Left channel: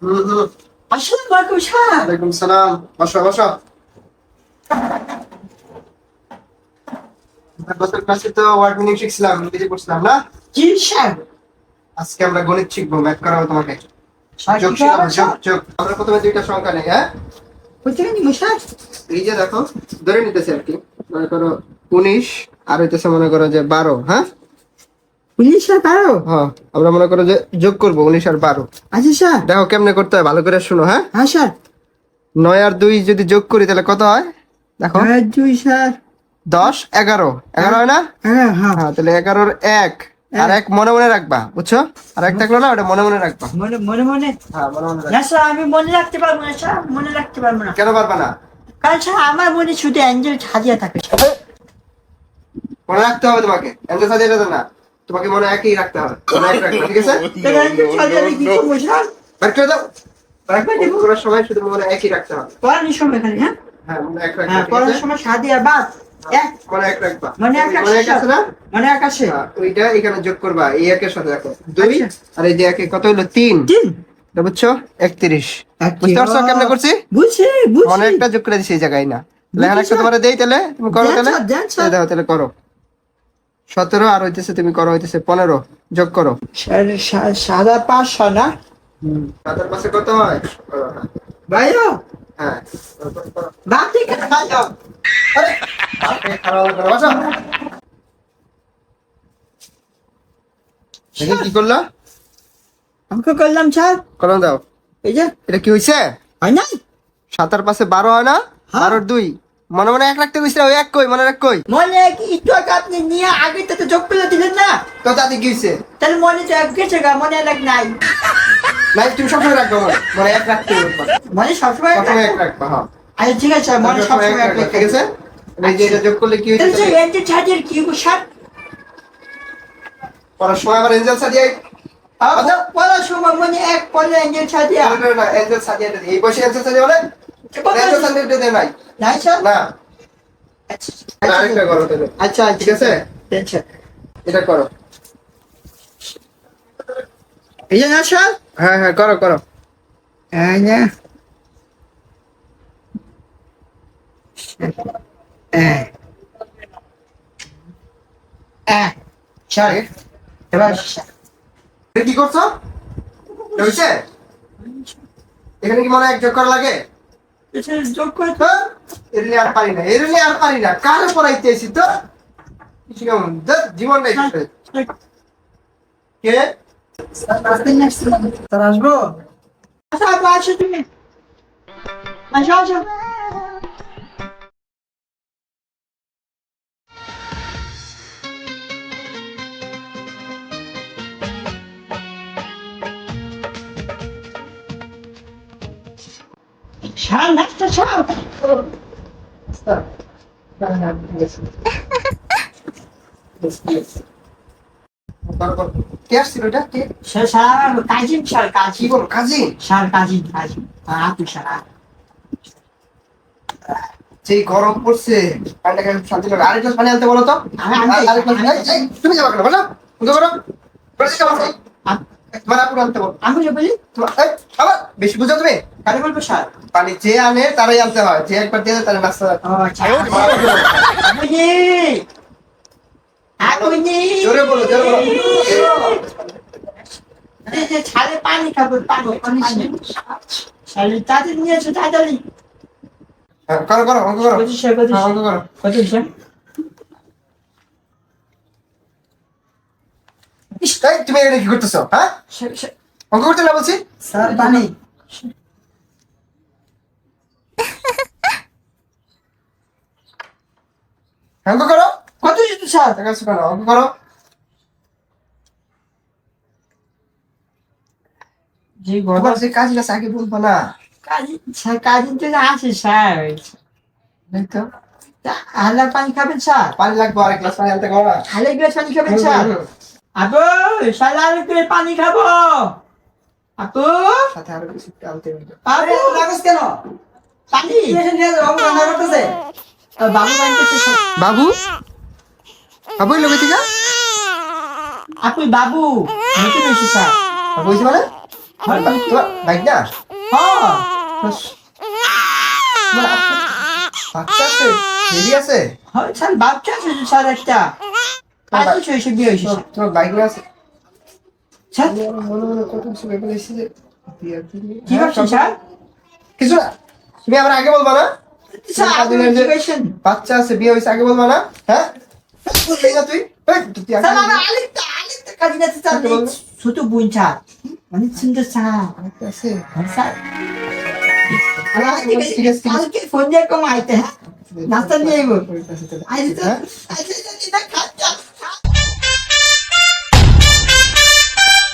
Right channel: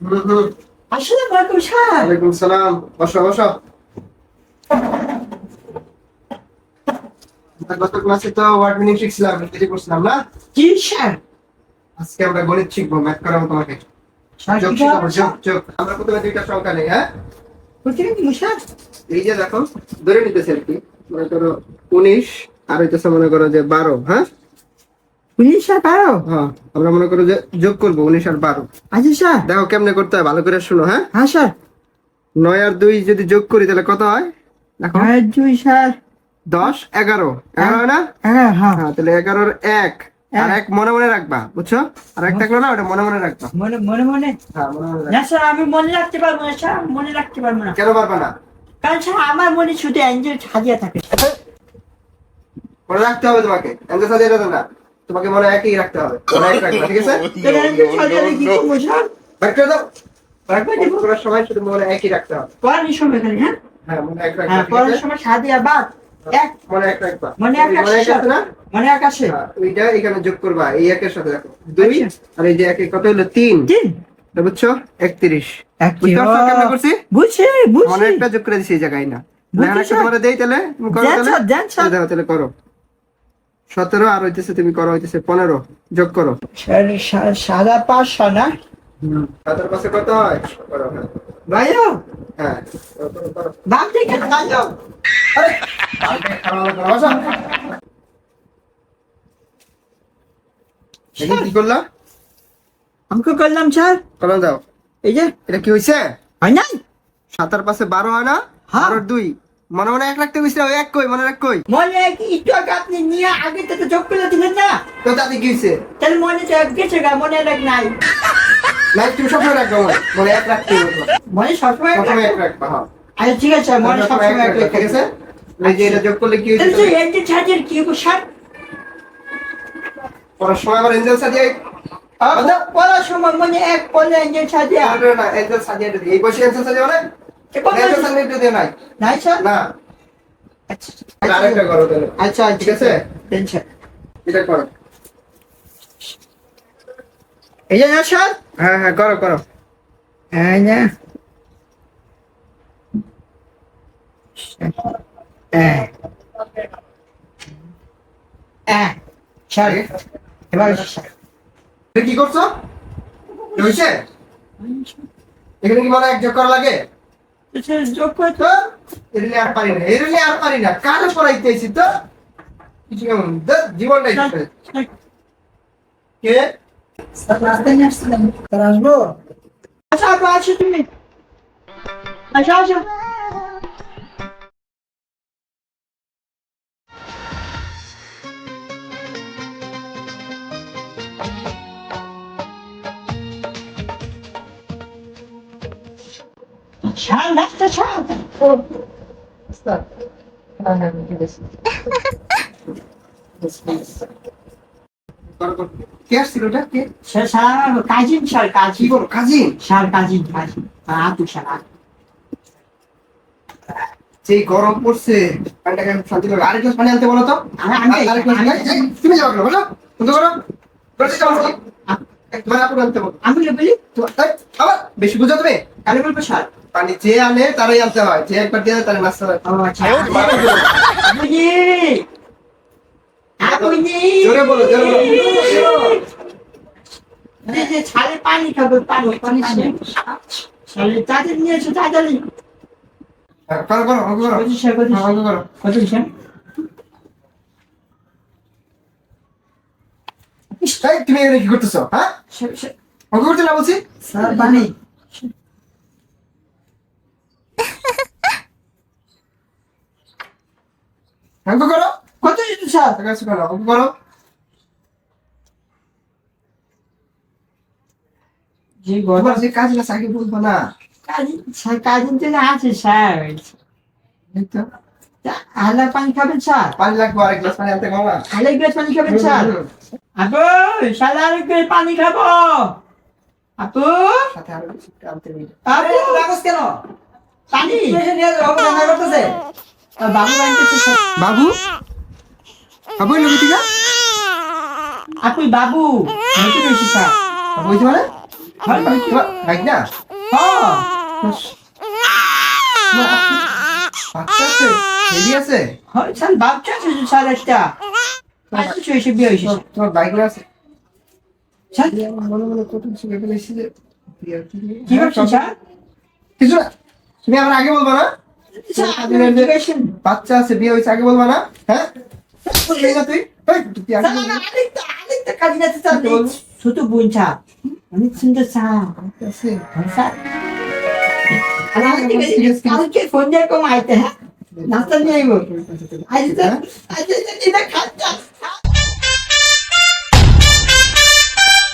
হুম আসসালামু আলাইকুম স্যার ওয়ালাইকুম সালাম বসো বসো গত ক্লাসে তো ওয়ার্ড মিনিং শিখছিলাম ইংরেজি পড়ছিলাম না জি স্যার আজকে আমরা গণিত শিখব ম্যাথ করাবো তোমাকে? যোগ আমরা প্রথমে দুইটা সংখ্যা নেই হ্যাঁ এই যে দেখো ধরে নিতেছে আর কি মনে করো উনিশ আর হইতেছে মনে করো যে বারো হ্যাঁ? উনিশ স্যার পারো হ্যাঁ আমরা মনে করো যে যোগ করব উনিশ আর বারো। আচ্ছা স্যার। দেখো কেমনে করতে হয় ভালো করে শুনো হ্যাঁ? হ্যাঁ স্যার। নয় আর দুই যদি যোগ করি তাহলে কত হয়? দেখো। আর দুই স্যার। দশ এগারো। এগারো হয় না? হ্যাঁ হ্যাঁ। হ্যাঁ তাহলে এগারোর এক। আর এক মনে মনে রাখবা বুঝছ? আর এক থাকল না ওটা মনে মনে রাখবা। মনে মনে মনে? হ্যাঁ মনে মনে রাখবা। না স্যার আমি মনে রাখতে পারব না স্যার মনে রাখতে পারব না। কেন পারবা না? কারণ স্যার আমার মনে শুধু অ্যাঞ্জেল সাজিয়ে থাকে মনে রাখতে হবে তোমাকে। এত সাজিয়ে যেতে না। তোমাকে মনে একই রাখতে হবে। মনে ঠিক আছে? অ্যাঞ্জেল বার করে দাও রাখবা কিন্তু সময় শুধু মনে একই রাখতে হবে। পড়ানোর সময় খালি হ্যাঁ? হ্যাঁ হ্যাঁ পড়ানোর সময় সাজিয়ে এক মনে এক রাখবা মনে এক মনে এক আসে আছে না? এক আসে ওইটা এখানে যোগ করবা এই একের সাথে রাখো। দুই। আর এই যে একে কত হলো? তিন। তিন। বুঝছ? একত্রিশ। বুঝতে পারছ কেমনে করছি? বুঝছি বুঝছি। একটা যোগ করে দিছি এই জায়গায় না। বুঝছি, লেখা একটা স্যার। তোমার দেই তাহলে? তুমি করো তাহলে? তাহলে সতেরো আর হইতেছে তুমি করো হইতেছে পনেরো। যোগ করো। সাদা পাঁচশো না? পাশে কত হয়? হ্যাঁ। ভাইও? হ্যাঁ। বাপ ভাইও। আরে, আরে। দেখি কি করলা? আমাকে করলাম স্যার কলম দাও। এই যে। এটা কি হইছে? হয় না সাতার পাশে বারো হয় না? হ্যাঁ। দুই। মনে মনে এক রাখতে গেছিল ওই এক কই মনে রাখ কই। মনে কি একটু আগে আপনি নিয়ে আগে থেকে যোগ করে দিলেন না? তো তাতে কি তাহলে মনে তো গেছে গা মনে লাগ নাই। না তুমি সবসময় রাখবে মনে। এক হবে মনে সবসময় এক রাখবা হ্যাঁ। আরে ঠিক আছে মনে সবসময় এক রাখবা, ঠিক আছে? এই যে এটা যোগ করলে কি হইছে তাহলে এনজেল ছাড়িয়ে কি হব স্যার? পরের সময় আবার এঞ্জেল সাজিয়ে আচ্ছা। পড়ার সময় মনে এক পড়লে না এঞ্জেল সাজিয়ে এই বসে এঞ্জেল সাজিয়ে এঞ্জেল নাই। স্যার? না। আচ্ছা আরেকটা করো তাহলে। আচ্ছা ঠিক আছে? দেন এটা করো। এই যে না স্যার? হ্যাঁ হ্যাঁ করো করো। হ্যাঁ না হ্যাঁ হ্যাঁ স্যার এবার এটা কি করছ? হইছে এখানে কি মনে এক যোগ করা লাগে? যোগ করে তো এরিলে আর পারি না এরিলে আর পারি না কারে পড়াইতেছি তো? কিছু কেমন? জীবনটাই। কে? তার আসব? আচ্ছা আসো তুমি। আচ্ছা আচ্ছা আছে করো, করো। কে আসছিল এটা? কে? শাল কাজিন শাল কাজিন বলো কাজিন শাল কাজিন কাজিন আপু শাল সেই গরম পড়ছে পানিটা খেয়ে শান্তি লাগে আরেক গ্লাস পানি আনতে বলো তো। আরেক গ্লাস তুমি যাবা কেন? বলো তুমি করো? তোমার আপুর আনতে বলো। আমি বলি আবার বেশি বুঝো তুমি। কালে বলব শাল পানি যে আনে তারাই আনতে হয়। যে একবার দিয়ে তারা পানি খাব পানি পানি তাদের তাড়াতাড়ি। করো করো অঙ্ক করো। অঙ্ক করো। কত ইস, এই, তুমি এখানে কি করতেছো? হ্যাঁ? অঙ্ক করতে না বলছি? স্যার পানি। অঙ্ক করো। কত যেত স্যার? ঠিক আছে করো অঙ্ক করো। জি তোমার গরম যে কাজটা আগে বলব না। কাজ কাজিন তো না আছে স্যার। তো। হালার পানি খাবেন স্যার? পানি লাগবে আরেক গ্লাস পানি আনতে করো না। হালে গ্লাস পানি খাবেন স্যার? আপু শালা আর একটু পানি খাব। আপু। সাথে আরও কিছু আনতে আপু। রাখস কেন? পানি। নিয়ে যাও, করতেছে। বাবু বাবু? বাবু লোকে আপনি বাবু মানে। তোমার না? বাচ্চা আছে? বেবি আছে? হয় স্যার বাচ্চা আছে স্যার একটা। এসে বিয়ে হয়েছে। তোমার- বাইক আছে? স্যার আমি মনে মনে কত কিছু ভেবে এসেছি যে কি- ভাবছেন স্যার কিছু না। তুমি আবার আগে বলবা না? বাচ্চা আছে বিয়ে হয়েছে আগে বলবা না হ্যাঁ এই না বলব? ছোট বোন স্যার অনেক সুন্দর স্যার আছে। হ্যাঁ। কালকে ফোন কম আইতে হ্যাঁ? নাস্তা নিয়ে আইবো। আজ হ্যাঁ? আজ এটা